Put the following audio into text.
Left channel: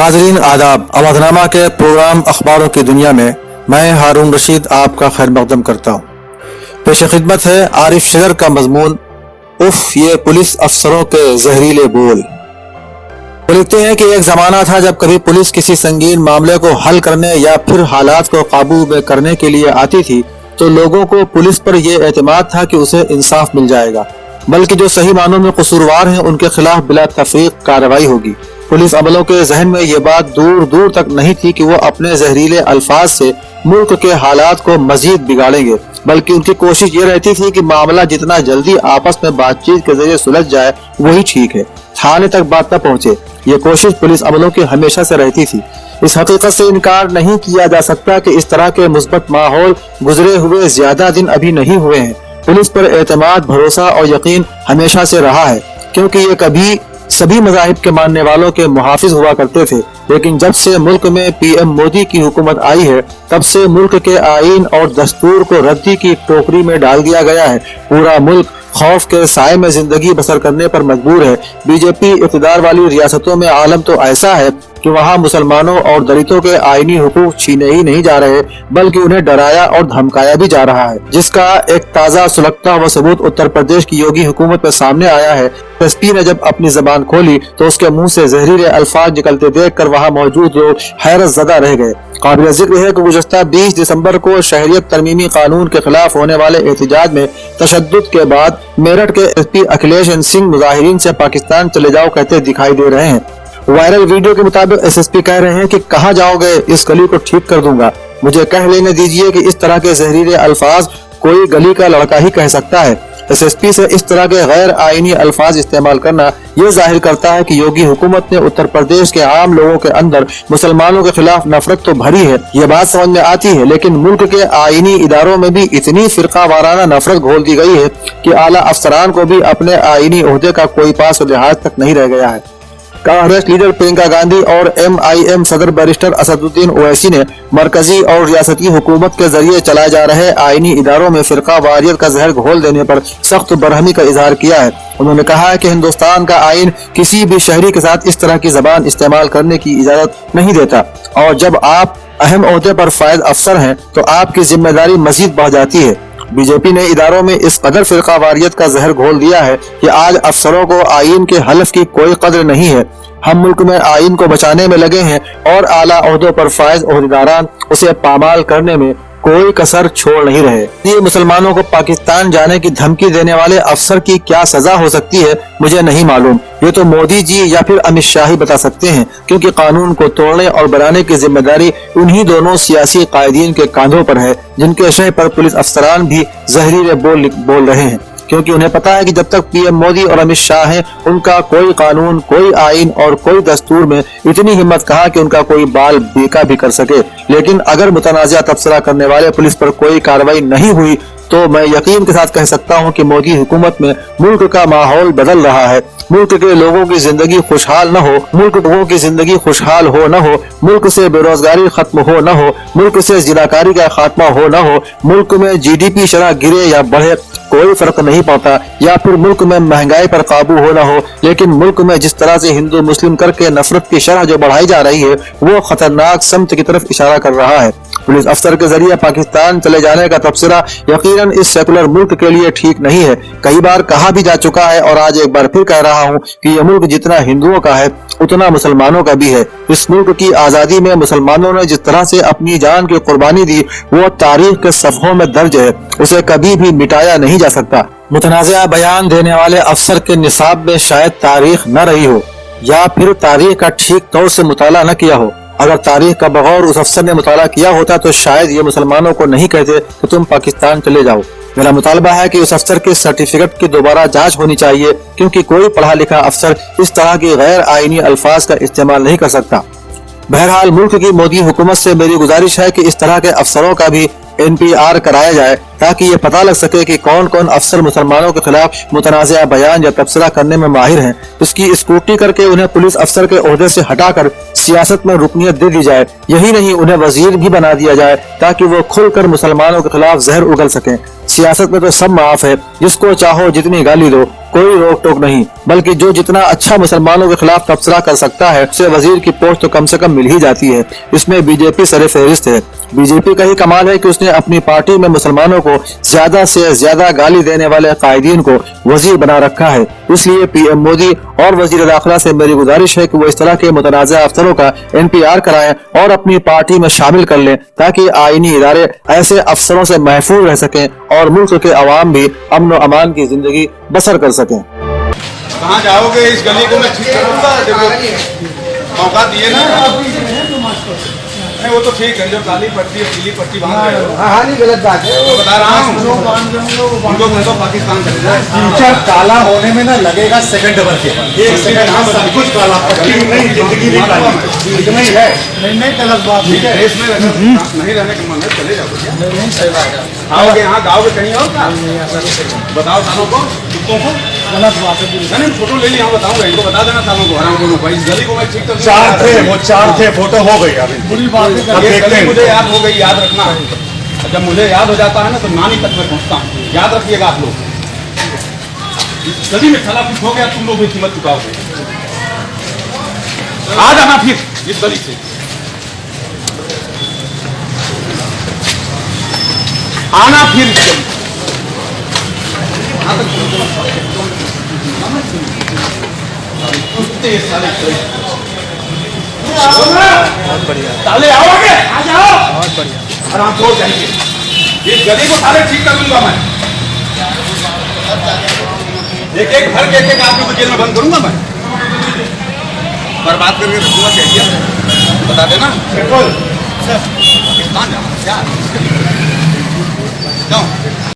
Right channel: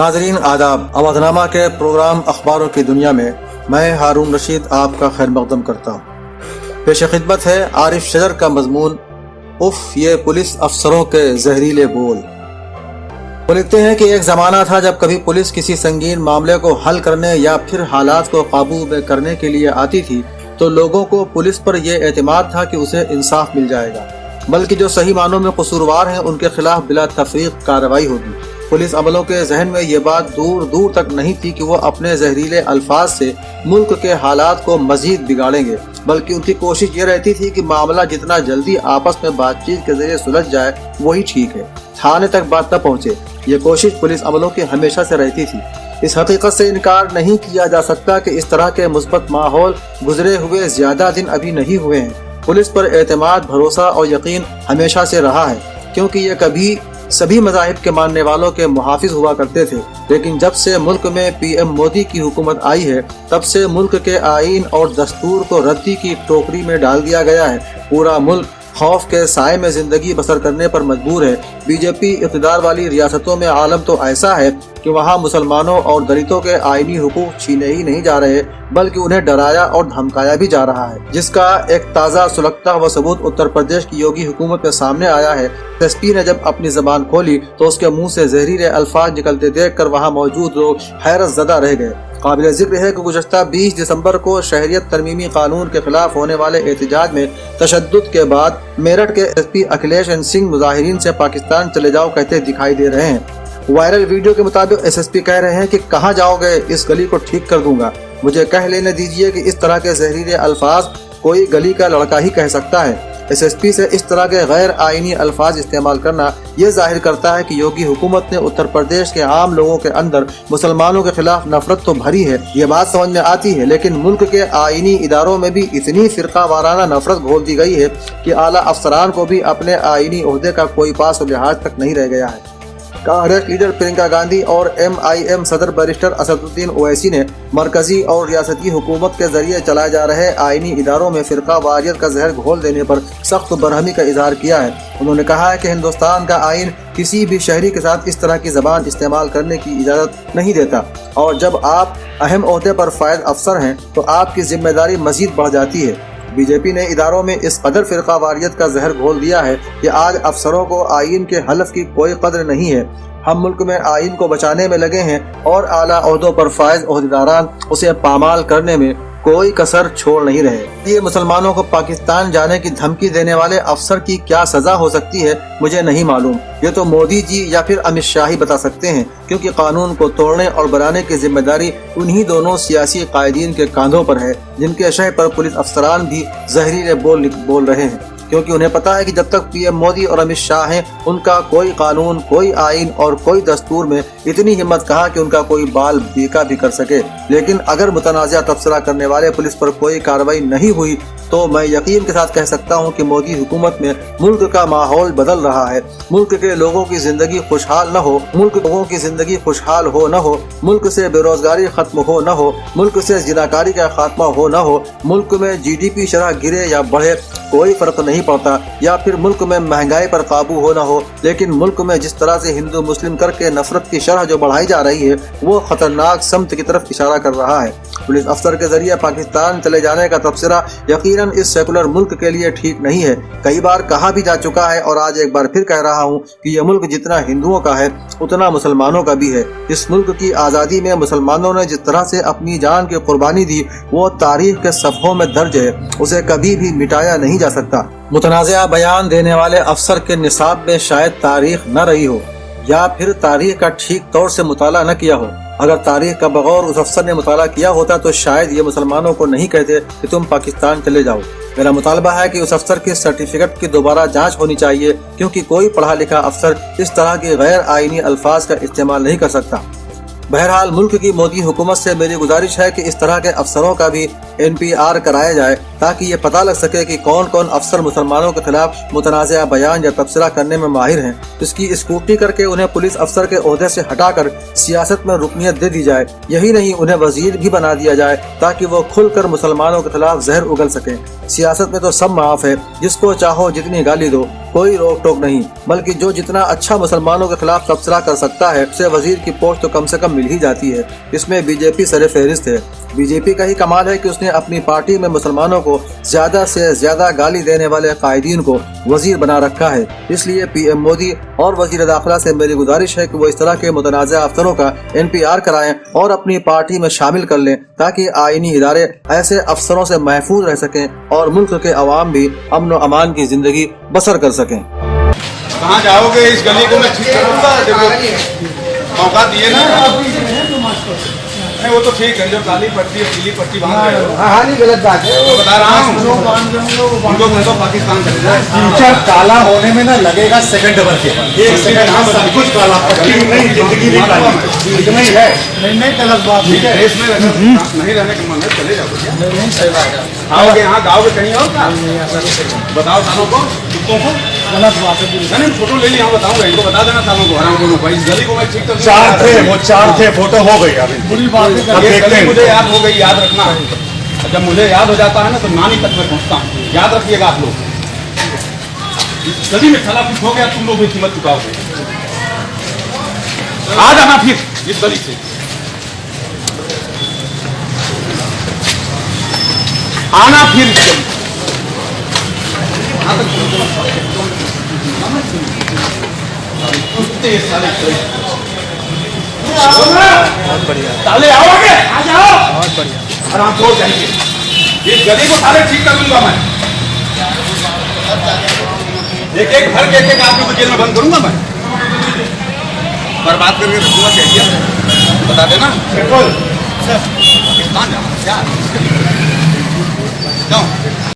नाज़रीन आदाब। अवधनामा के प्रोग्राम अखबारों की दुनिया में मैं हारून रशीद आपका खैर मकदम करता हूँ। पेश खिदमत है आरिफ शजर का मजमून, उफ ये पुलिस अफसरों के जहरीले बोल। वो लिखते हैं कि एक ज़माना था जब कभी पुलिस किसी संगीन मामले को हल करने या फिर हालात को काबू में करने के लिए आती थी तो लोगों को पुलिस पर यह एतमाद था कि उसे इंसाफ मिल जाएगा, बल्कि जो सही मानों में कसूरवार हैं उनके खिलाफ बिला तफरीक कार्रवाई होगी। पुलिस अमलों के जहन में ये बात दूर दूर तक नहीं थी कि वो अपने जहरीले अल्फाज से मुल्क के हालात को मजीद बिगाड़ेंगे, बल्कि उनकी कोशिश ये रहती थी कि मामला जितना जल्दी आपस में बातचीत के जरिए सुलझ जाए वही ठीक है, थाने तक बात न पहुँचे। ये कोशिश पुलिस अमलों की हमेशा से रहती थी। इस हकीकत से इनकार नहीं किया जा सकता कि इस तरह के मुस्बत माहौल गुजरे हुए ज्यादा दिन अभी नहीं हुए हैं। पुलिस पर एतमाद, भरोसा और यकीन हमेशा से रहा है, क्योंकि ये कभी सभी मज़ाहिब के मानने वालों के मुहाफिज हुआ करते थे। लेकिन जब से मुल्क में पीएम मोदी की हुकूमत आई है तब से मुल्क के आईन और दस्तूर को रद्दी की टोकरी में डाल दिया गया है। पूरा मुल्क खौफ के साए में जिंदगी बसर करने पर मजबूर है। बीजेपी इक़्तिदार वाली रियासतों में आलम तो ऐसा है कि वहाँ मुसलमानों और दलितों के आईनी हुकूक छीने ही नहीं जा रहे, बल्कि उन्हें डराया और धमकाया भी जा रहा है, जिसका एक ताज़ा सुलगता व सबूत उत्तर प्रदेश की योगी हुकूमत में सामने आया है। एसपी ने जब अपनी जबान खोली तो उसके मुंह से जहरीले अल्फाज निकलते देखकर वहाँ मौजूद लोग हैरत ज़दा रह गए। काबिल जिक्र है कि गुज़श्ता 20 दिसंबर को शहरियत तरमीमी कानून के खिलाफ होने वाले एहतजाज में तशद्दुद के बाद मेरठ के एसपी अखिलेश सिंह मुजाहिरीन से पाकिस्तान चले जाओ कहते दिखाई दे रहे हैं। वायरल वीडियो के मुताबिक एसएसपी कह रहे हैं कि कहाँ जाओगे, इस गली को ठीक कर दूंगा। मुझे कह लेने दीजिए कि इस तरह के जहरीले अल्फाज कोई गली का लड़का ही कह सकता है। एसएसपी से इस तरह के गैर आईनी अल्फाज इस्तेमाल करना ये जाहिर करता है कि योगी हुकूमत ने उत्तर प्रदेश के आम लोगों के अंदर मुसलमानों के खिलाफ नफरत तो भरी है, ये बात समझ में आती है, लेकिन मुल्क के आईनी इदारों में भी इतनी फिरका वाराना नफरत घोल दी गई है कि आला अफसरान को भी अपने आईनी ओहदे का कोई पास लिहाज तक नहीं रह गया है। कांग्रेस लीडर प्रियंका गांधी और एमआईएम सदर बैरिस्टर असदुद्दीन ओवैसी ने मरकजी और रियासती हुकूमत के जरिए चलाए जा रहे आईनी इदारों में फिरका वारियत का जहर घोल देने पर सख्त बरहमी का इजहार किया है। उन्होंने कहा है कि हिंदुस्तान का आइन किसी भी शहरी के साथ इस तरह की जबान इस्तेमाल करने की इजाजत नहीं देता, और जब आप अहम ओहदे पर फायद अफसर हैं तो आपकी जिम्मेदारी मजीद बढ़ जाती है। बीजेपी ने इदारों में इस कदर फिरका वारियत का जहर घोल दिया है कि आज अफसरों को आइन के हलफ की कोई कदर नहीं है। हम मुल्क में आइन को बचाने में लगे हैं और आला ओहदों पर फायज ओहदेदारान उसे पामाल करने में कोई कसर छोड़ नहीं रहे। ये मुसलमानों को पाकिस्तान जाने की धमकी देने वाले अफसर की क्या सजा हो सकती है मुझे नहीं मालूम। ये तो मोदी जी या फिर अमित शाह ही बता सकते हैं, क्योंकि कानून को तोड़ने और बनाने की जिम्मेदारी उन्हीं दोनों सियासी कायदीन के कांधों पर है, जिनके शह पर पुलिस अफसरान भी जहरीले बोल रहे हैं, क्योंकि उन्हें पता है कि जब तक पीएम मोदी और अमित शाह हैं उनका कोई कानून, कोई आइन और कोई दस्तूर में इतनी हिम्मत कहा कि उनका कोई बाल बेका भी कर सके। लेकिन अगर मुतनाज़ा तबसरा करने वाले पुलिस पर कोई कार्रवाई नहीं हुई तो मैं यकीन के साथ कह सकता हूं कि मोदी हुकूमत में मुल्क का माहौल बदल रहा है। मुल्क के लोगों की जिंदगी खुशहाल न हो, मुल्क लोगों की जिंदगी खुशहाल हो न हो, मुल्क से बेरोजगारी खत्म हो न हो, मुल्क से जिनाकारी का खात्मा हो न हो, मुल्क में जीडीपी शरह गिरे या बढ़े कोई फर्क नहीं पड़ता, या फिर मुल्क में महंगाई पर काबू हो न हो, लेकिन मुल्क में जिस तरह से हिंदू मुस्लिम करके नफरत की शरह जो बढ़ाई जा रही है वो खतरनाक समत की तरफ इशारा कर रहा है। पुलिस अफसर के जरिए पाकिस्तान चले जाने का तबसरा यकीनन इस सेकुलर मुल्क के लिए ठीक नहीं है। कई बार कहा भी जा चुका है और आज एक बार फिर कह रहा हूँ कि यह मुल्क जितना हिंदुओं का है उतना मुसलमानों का भी है। इस मुल्क की आजादी में मुसलमानों ने जिस तरह से अपनी जान की कुर्बानी दी वो तारीख के सफ़हों में दर्ज है, उसे कभी भी मिटाया नहीं जा सकता। मुतनाज़ा बयान देने वाले अफसर के निसाब में शायद तारीख न रही हो, या फिर तारीख का ठीक तौर से मुताला न किया हो। अगर तारीख का बगौर उस अफसर ने मुताला किया होता तो शायद ये मुसलमानों को नहीं कहते कि तुम पाकिस्तान चले जाओ। मेरा मुतालबा है कि उस अफसर के सर्टिफिकेट की दोबारा जांच होनी चाहिए, क्योंकि कोई पढ़ा लिखा अफसर इस तरह के गैर आईनी अल्फाज का इस्तेमाल नहीं कर सकता। बहरहाल मुल्क की मोदी हुकूमत से मेरी गुजारिश है कि इस तरह के अफसरों का भी NPR कराया जाए ताकि ये पता लग सके कि कौन कौन अफसर मुसलमानों के खिलाफ मुतनाज़ा बयान या तबसरा करने में माहिर हैं। इसकी स्क्रूटनी करके उन्हें पुलिस अफसर के ओहदे से हटाकर सियासत में रुकनियत दे दी जाए। यही नहीं, उन्हें वजीर भी बना दिया जाए ताकि वो खुलकर मुसलमानों के खिलाफ जहर उगल सकें। सियासत में तो सब माफ है, जिसको चाहो जितनी गाली दो, कोई रोक टोक नहीं, बल्कि जो जितना अच्छा मुसलमानों के खिलाफ तबसरा कर सकता है उसे वजीर की पोस्ट तो कम से कम मिल ही जाती है। इसमें बीजेपी सरे फहरिस्त है। बीजेपी का ही कमाल है कि उसने अपनी पार्टी में मुसलमानों को ज्यादा से ज्यादा गाली देने वाले कायदीन को वजीर बना रखा है। इसलिए PM मोदी और वजीर दाखिला से मेरी गुजारिश है कि वो इस तरह के मुतनाज़ा अफसरों का NPR कराएं और अपनी पार्टी में शामिल कर लें ताकि आईनी इदारे ऐसे अफसरों से महफूज रह सकें और मुल्क के अवाम भी अमन व अमान की जिंदगी बसर कर सकें। कहाँ जाओगे? इस गली को मैं ठीक करूँगा। देखो मौका दिए ना। नहीं वो तो ठीक है, जो काली पट्टी पीली पट्टी बांध रहे हो, हाँ नहीं गलत बात है। तो बता रहा हूँ उनको कह दो पाकिस्तान चले जाए। फ्यूचर काला होने में ना लगेगा सेकंड नंबर के 1 सेकंड। हाँ सब कुछ काला, पट्टी नहीं, जिंदगी भी काली, इतना ही है। नहीं गलत बात ठीक है, देश में नहीं रहने का मन है चले जाओ। नहीं सही बात है। आओगे यहाँ गाँव के कहीं और का बताओ सालों को कुत्तों को गलत बात है। नहीं फोटो ले लिया, बताऊंगा इनको, बता देना सालों को हराम दोनों भाई। इस गली को मैं ठीक कर 4 थे, वो 4 थे, फोटो हो गई। अभी बुरी बात है, ये गली मुझे याद हो गई, याद रखना। जब मुझे याद हो जाता है ना तो नानी तक मैं पहुंचता हूँ, याद रखिएगा आप लोग। इस गली में साला कुछ हो गया, तुम लोग भी कीमत चुकाओगे। आ जाना फिर इस गली से, आना फिर बहुत बढ़िया ताले आओगे, आ जाओ। बहुत बढ़िया आराम से हो जाएंगे। इस गली को सारे ठीक कर दूंगा मैं। एक घर के एक आदमी को जेल में बंद करूंगा मैं, बर्बाद करके रखूंगा। चाहिए बता देना। पाकिस्तान जाना क्या